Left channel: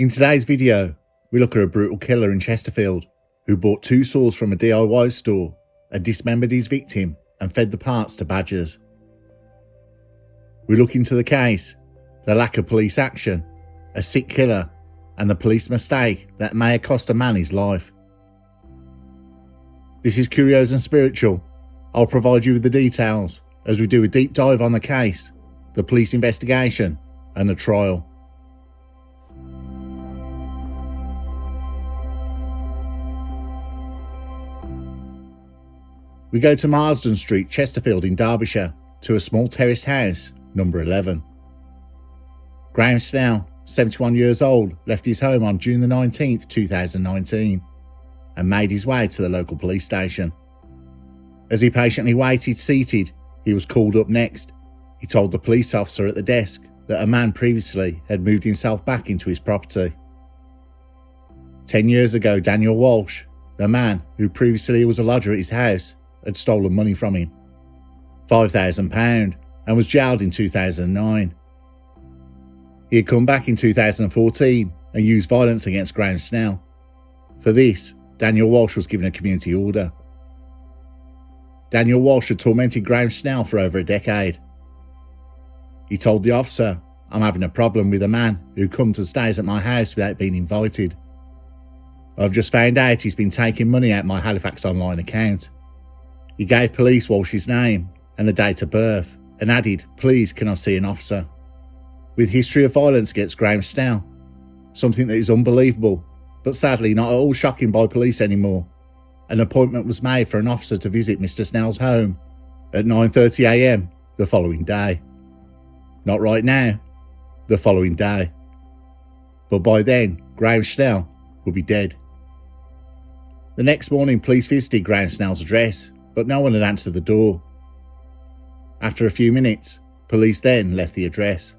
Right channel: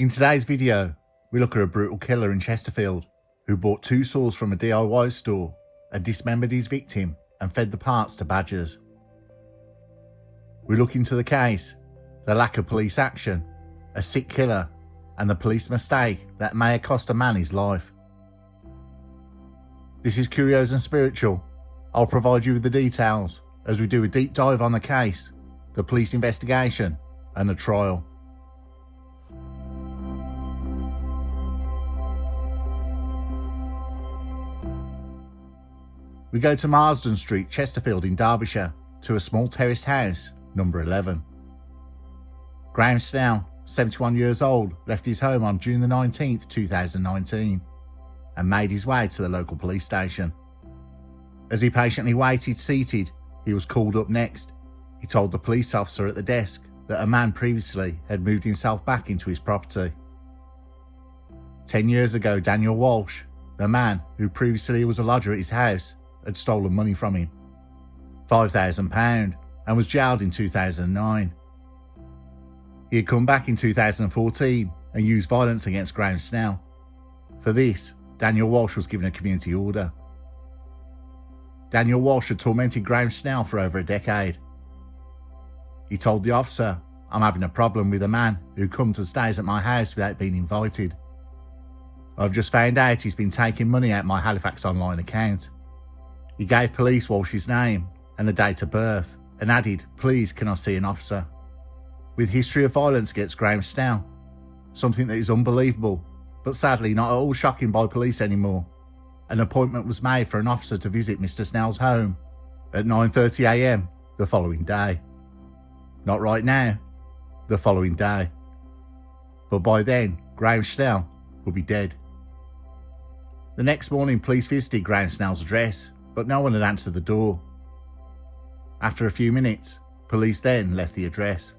In today's video, we look at a brutal killer in Chesterfield who bought 2 saws from a DIY store and dismembered his victim and fed the parts to badgers. We look into the case, the lack of police action, a sick killer, and the police mistake that may have cost a man his life. This is Curios&Spiritual. I'll provide you with the details as we do a deep dive on the case, the police investigation, and the trial. We go to Marsden Street, Chesterfield in Derbyshire, to a small terraced house, number 11. Graham Snell, 71 years old, left his home on June the 19th, 2019, and made his way to the local police station. As he patiently waited seated, he was called up next. He told the police officer at the desk that a man previously had moved himself back into his property. 10 years ago, Daniel Walsh, the man who previously was a lodger at his house, had stolen money from him, £5,000, and was jailed in 2009. He had come back in 2014 and used violence against Graham Snell. For this, Daniel Walsh was given a community order. Daniel Walsh had tormented Graham Snell for over a decade. He told the officer, "I'm having a problem with a man who comes and stays at my house without being invited. I've just found out he's been taking money out my Halifax online account." He gave police Walsh's name and the date of birth and added, "Please, can I see an officer?" With history of violence against Graham Snell, something that is unbelievable, but sadly not at all shocking by police anymore, an appointment was made for an officer to visit Mr. Snell's home at 9:30 AM the following day. Not right now, the following day. But by then, Graham Snell would be dead. The next morning, police visited Graham Snell's address, but no one had answered the door. After a few minutes, police then left the address.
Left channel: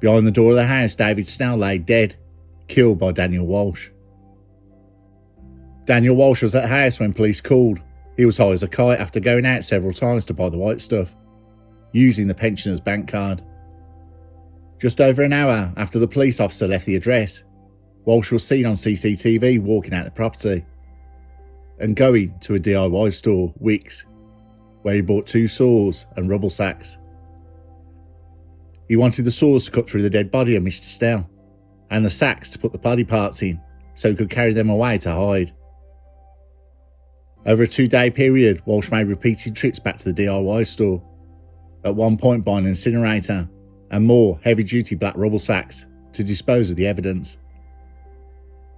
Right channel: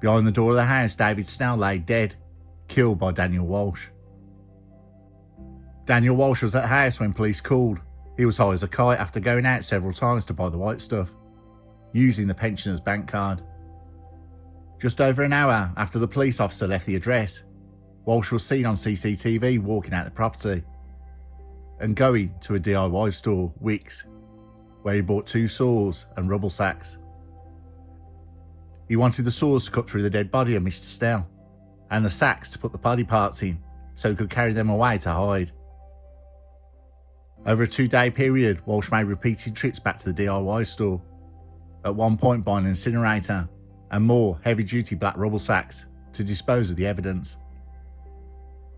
Behind the door of the house, David Snell lay dead, killed by Daniel Walsh. Daniel Walsh was at the house when police called. He was high as a kite after going out several times to buy the white stuff, using the pensioner's bank card. Just over an hour after the police officer left the address, Walsh was seen on CCTV walking out the property and going to a DIY store, Wickes, where he bought 2 saws and rubble sacks. He wanted the saws to cut through the dead body of Mr. Snell, and the sacks to put the body parts in so he could carry them away to hide. Over a 2-day period, Walsh made repeated trips back to the DIY store, at one point buying an incinerator and more heavy-duty black rubble sacks to dispose of the evidence.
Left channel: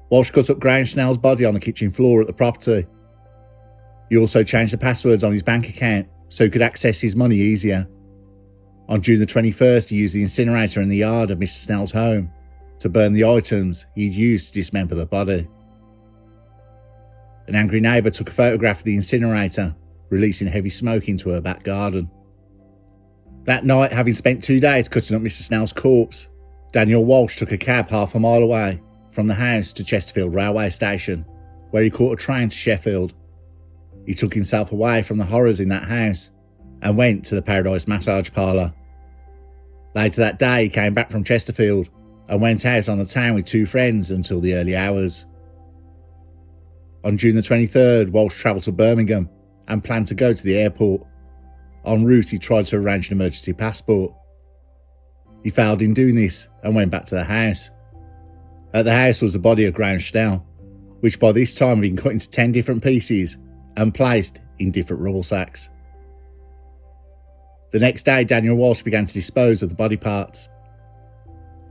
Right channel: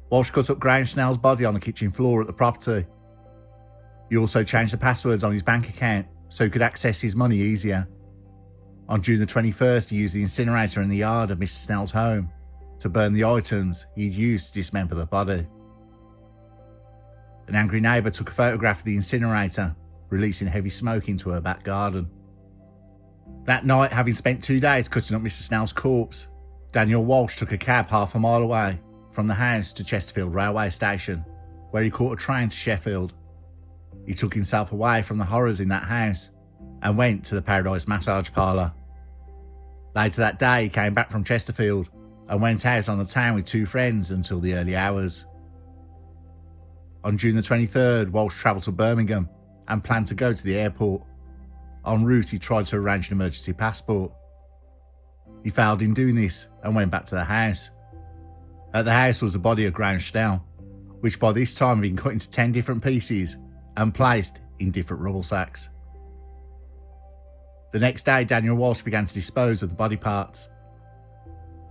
Walsh cut up Graham Snell's body on the kitchen floor at the property. He also changed the passwords on his bank account so he could access his money easier. On June the 21st, he used the incinerator in the yard of Mr. Snell's home to burn the items he'd used to dismember the body. An angry neighbour took a photograph of the incinerator, releasing heavy smoke into her back garden. That night, having spent 2 days cutting up Mr. Snell's corpse, Daniel Walsh took a cab half a mile away from the house to Chesterfield railway station, where he caught a train to Sheffield. He took himself away from the horrors in that house and went to the Paradise massage parlour. Later that day, he came back from Chesterfield and went out on the town with 2 friends until the early hours. On June the 23rd, Walsh travelled to Birmingham and planned to go to the airport. En route, he tried to arrange an emergency passport. He failed in doing this and went back to the house. At the house was the body of Graham Snell, which by this time had been cut into 10 different pieces and placed in different rubble sacks. The next day, Daniel Walsh began to dispose of the body parts.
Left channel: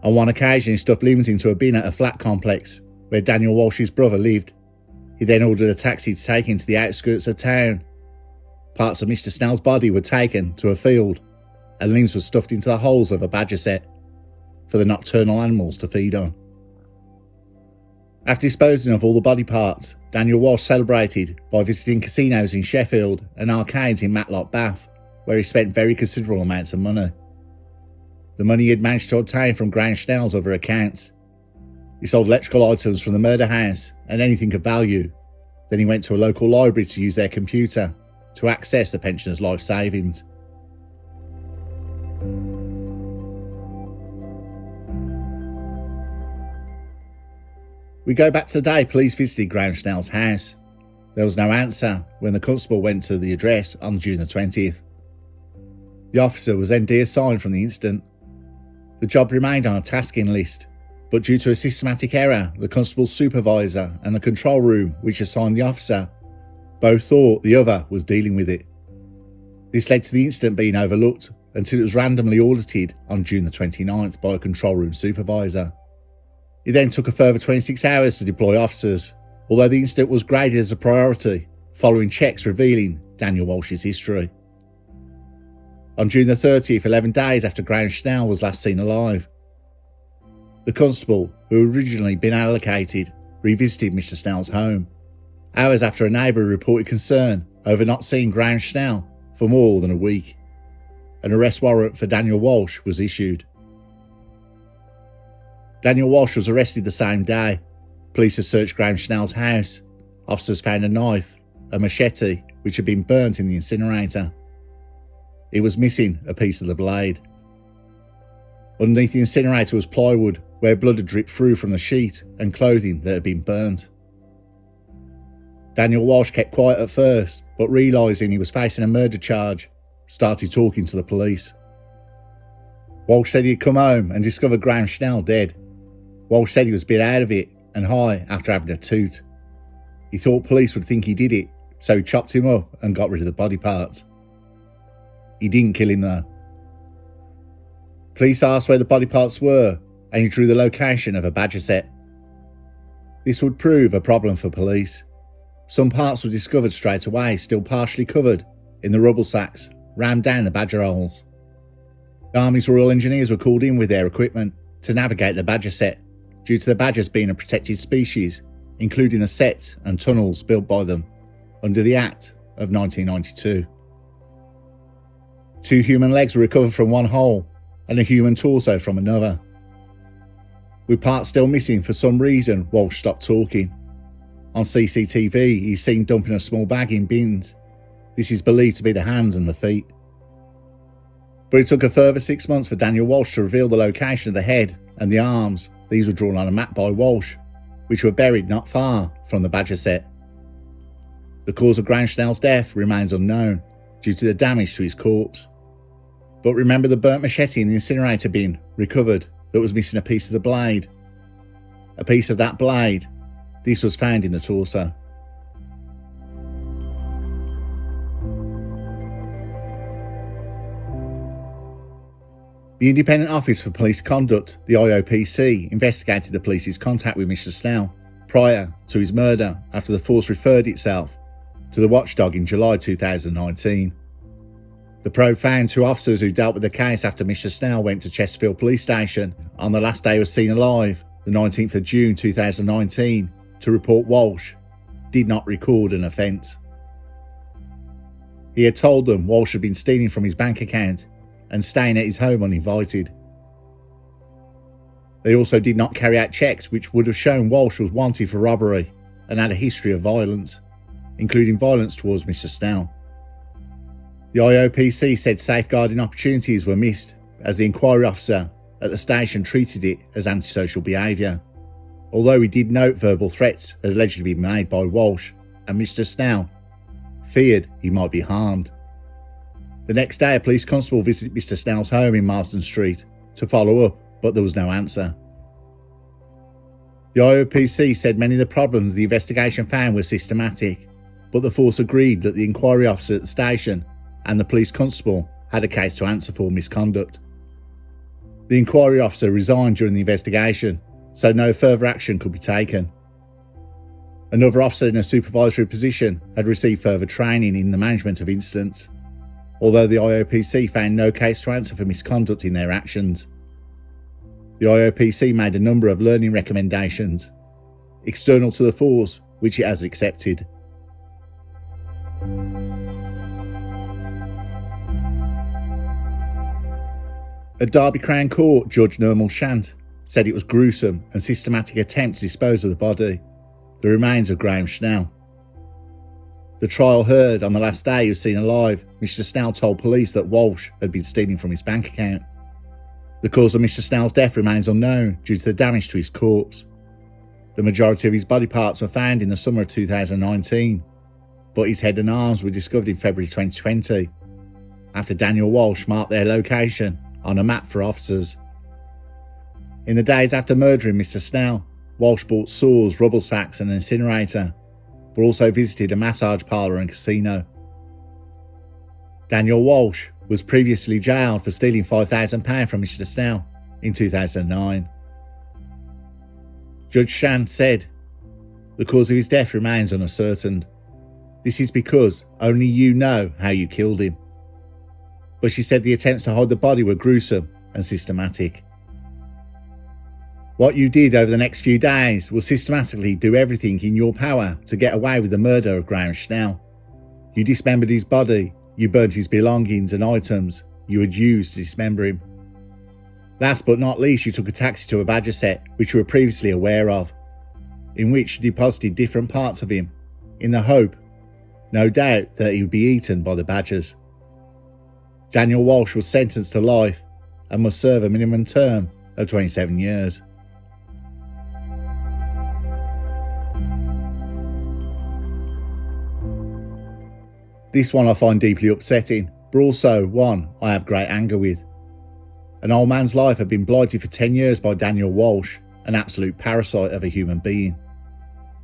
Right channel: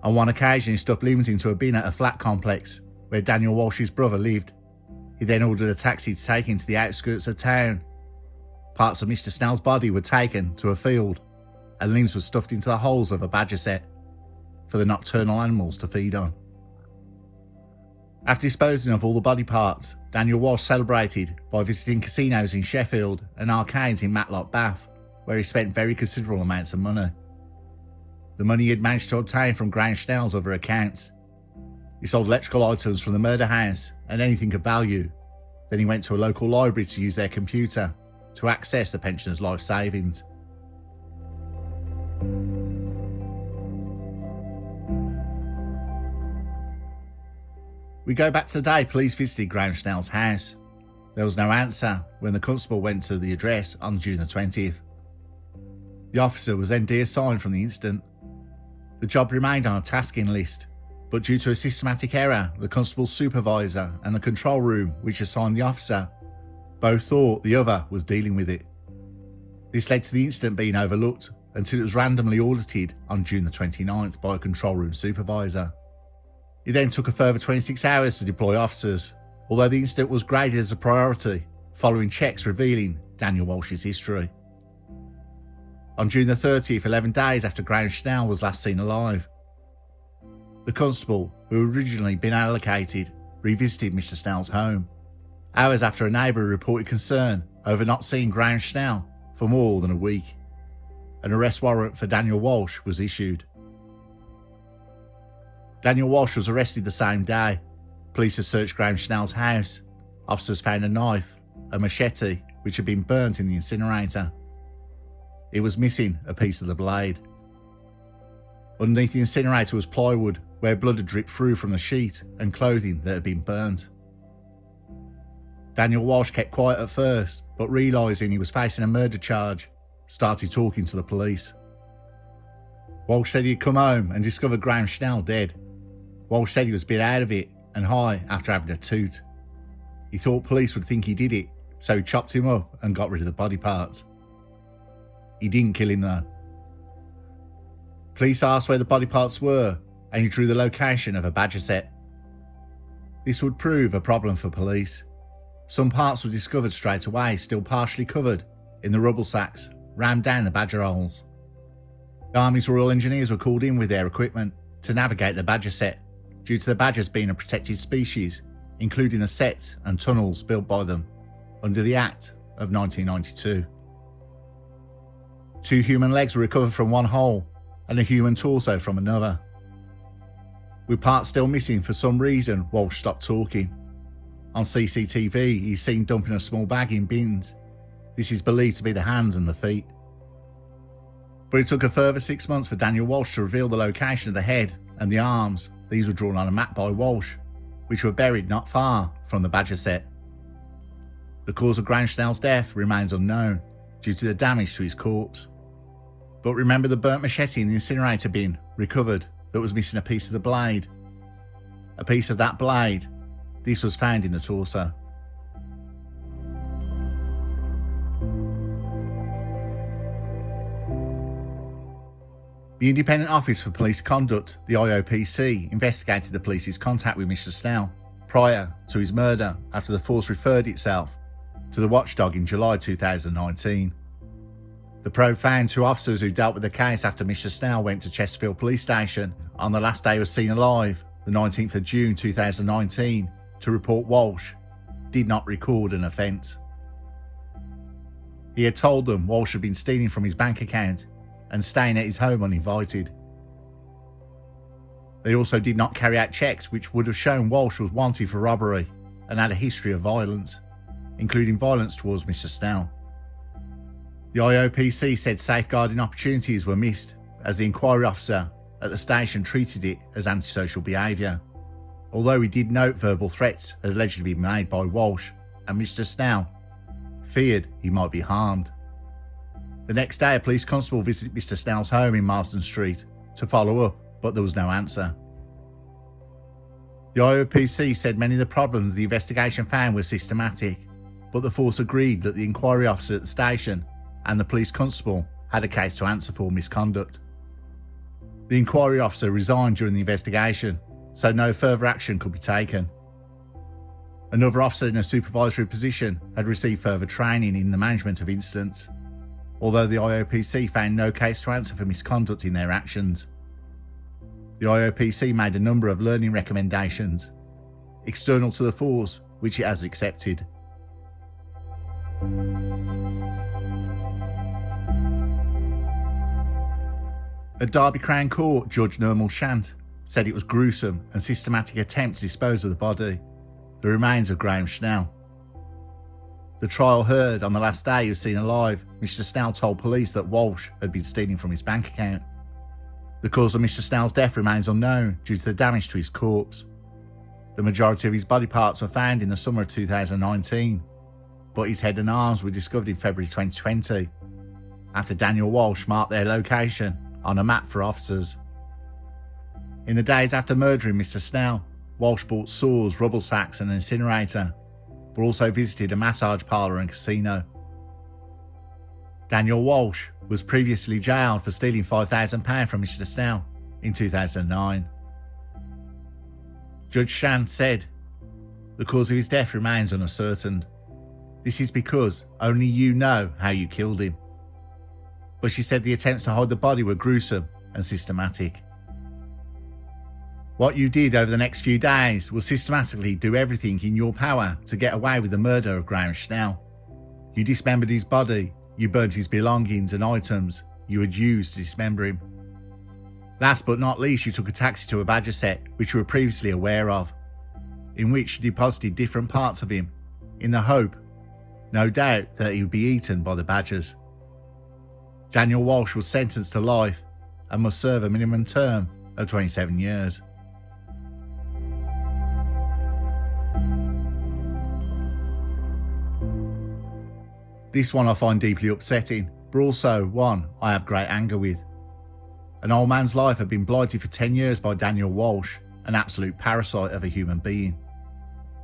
On one occasion, he stuffed limbs into a bin at a flat complex where Daniel Walsh's brother lived. He then ordered a taxi to take him to the outskirts of town. Parts of Mr. Snell's body were taken to a field and limbs were stuffed into the holes of a badger set for the nocturnal animals to feed on. After disposing of all the body parts, Daniel Walsh celebrated by visiting casinos in Sheffield and arcades in Matlock, Bath, where he spent very considerable amounts of money. The money he had managed to obtain from Graham Snell's other accounts. He sold electrical items from the murder house and anything of value. Then he went to a local library to use their computer to access the pensioner's life savings. We go back to the day police visited Graham Snell's house. There was no answer when the constable went to the address on June the 20th. The officer was then deassigned from the incident. The job remained on a tasking list, but due to a systematic error, the constable's supervisor and the control room which assigned the officer both thought the other was dealing with it. This led to the incident being overlooked until it was randomly audited on June the 29th by a control room supervisor. It then took a further 26 hours to deploy officers, although the incident was graded as a priority following checks revealing Daniel Walsh's history. On June the 30th, 11 days after Graham Snell was last seen alive, the constable, who had originally been allocated, revisited Mr. Snell's home, hours after a neighbour reported concern over not seeing Graham Snell for more than a week. An arrest warrant for Daniel Walsh was issued. Daniel Walsh was arrested the same day. Police had searched Graham Snell's house. Officers found a knife, a machete, which had been burnt in the incinerator. It was missing a piece of the blade. Underneath the incinerator was plywood, where blood had dripped through from the sheet, and clothing that had been burnt. Daniel Walsh kept quiet at first, but realising he was facing a murder charge, started talking to the police. Walsh said he'd come home and discovered Graham Snell dead. Walsh said he was a bit out of it and high after having a toot. He thought police would think he did it, so he chopped him up and got rid of the body parts. He didn't kill him though. Police asked where the body parts were, and he drew the location of a badger set. This would prove a problem for police. Some parts were discovered straight away, still partially covered in the rubble sacks rammed down the badger holes. The Army's Royal Engineers were called in with their equipment to navigate the badger set, due to the badgers being a protected species, including the sets and tunnels built by them under the Act of 1992. 2 human legs were recovered from one hole and a human torso from another. With parts still missing for some reason, Walsh stopped talking. On CCTV, he's seen dumping a small bag in bins. This is believed to be the hands and the feet. But it took a further 6 months for Daniel Walsh to reveal the location of the head and the arms. These were drawn on a map by Walsh, which were buried not far from the badger set. The cause of Graham Snell's death remains unknown due to the damage to his corpse. But remember the burnt machete in the incinerator bin recovered that was missing a piece of the blade? A piece of that blade, this was found in the torso. The Independent Office for Police Conduct, the IOPC, investigated the police's contact with Mr. Snell prior to his murder after the force referred itself to the watchdog in July 2019. The probe found 2 officers who dealt with the case after Mr. Snell went to Chesterfield Police Station on the last day he was seen alive, the 19th of June 2019, to report Walsh did not record an offence. He had told them Walsh had been stealing from his bank account and staying at his home uninvited. They also did not carry out checks which would have shown Walsh was wanted for robbery and had a history of violence, including violence towards Mr. Snell. The IOPC said safeguarding opportunities were missed as the inquiry officer at the station treated it as antisocial behaviour, although he did note verbal threats had allegedly been made by Walsh, and Mr. Snell feared he might be harmed. The next day, a police constable visited Mr. Snell's home in Marsden Street to follow up, but there was no answer. The IOPC said many of the problems the investigation found were systematic, but the force agreed that the inquiry officer at the station and the police constable had a case to answer for misconduct. The inquiry officer resigned during the investigation, so no further action could be taken. Another officer in a supervisory position had received further training in the management of incidents, although the IOPC found no case to answer for misconduct in their actions. The IOPC made a number of learning recommendations, external to the force, which it has accepted. At Derby Crown Court, Judge Nermal Shant said it was gruesome and systematic attempt to dispose of the body, the remains of Graham Snell. The trial heard on the last day he was seen alive, Mr. Snell told police that Walsh had been stealing from his bank account. The cause of Mr. Snell's death remains unknown due to the damage to his corpse. The majority of his body parts were found in the summer of 2019, but his head and arms were discovered in February 2020, after Daniel Walsh marked their location on a map for officers. In the days after murdering Mr. Snell, Walsh bought saws, rubble sacks and an incinerator, but also visited a massage parlour and casino. Daniel Walsh was previously jailed for stealing £5,000 from Mr. Snell in 2009. Judge Shan said, "The cause of his death remains unascertained. This is because only you know how you killed him." But she said the attempts to hide the body were gruesome and systematic. "What you did over the next few days was systematically do everything in your power to get away with the murder of Graham Schnell. You dismembered his body, you burnt his belongings and items you had used to dismember him. Last but not least, you took a taxi to a badger set which you were previously aware of, in which you deposited different parts of him, in the hope, no doubt, that he would be eaten by the badgers. Daniel Walsh was sentenced to life and must serve a minimum term of 27 years. This one I find deeply upsetting, but also one I have great anger with. An old man's life had been blighted for 10 years by Daniel Walsh, an absolute parasite of a human being.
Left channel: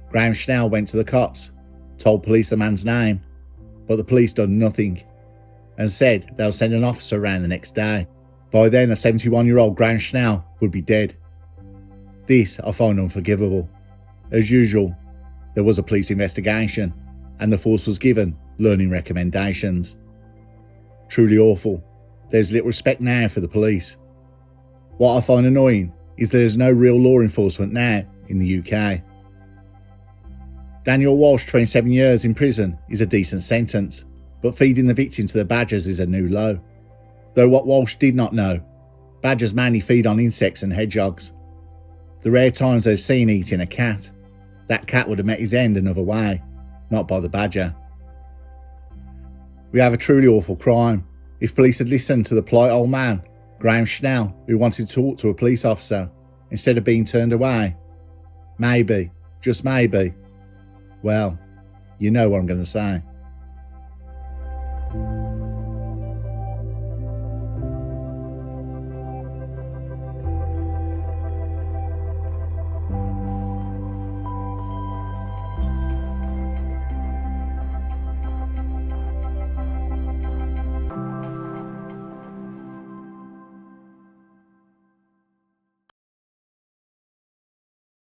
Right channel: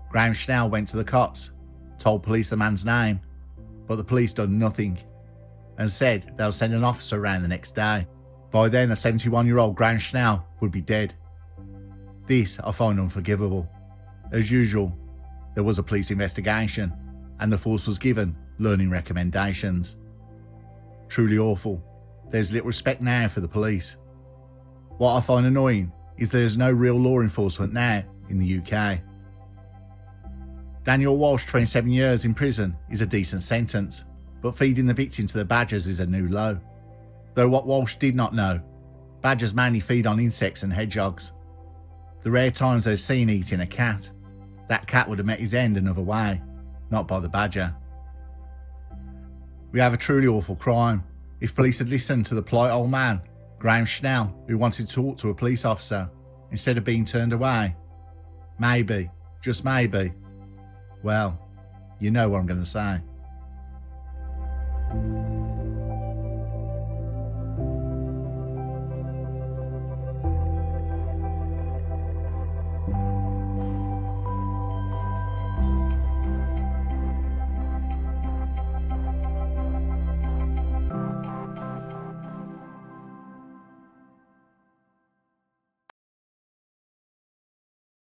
Graham Schnell went to the cops, told police the man's name, but the police done nothing, and said they'll send an officer around the next day. By then, a 71-year-old Graham Schnell would be dead. This I find unforgivable. As usual, there was a police investigation, and the force was given learning recommendations. Truly awful. There's little respect now for the police. What I find annoying is there's no real law enforcement now in the UK. Daniel Walsh, 27 years in prison, is a decent sentence, but feeding the victim to the badgers is a new low. Though what Walsh did not know, badgers mainly feed on insects and hedgehogs. The rare times they're seen eating a cat, that cat would have met his end another way, not by the badger. We have a truly awful crime. If police had listened to the polite old man, Graham Schnell, who wanted to talk to a police officer, instead of being turned away, maybe, just maybe, well, you know what I'm going to say.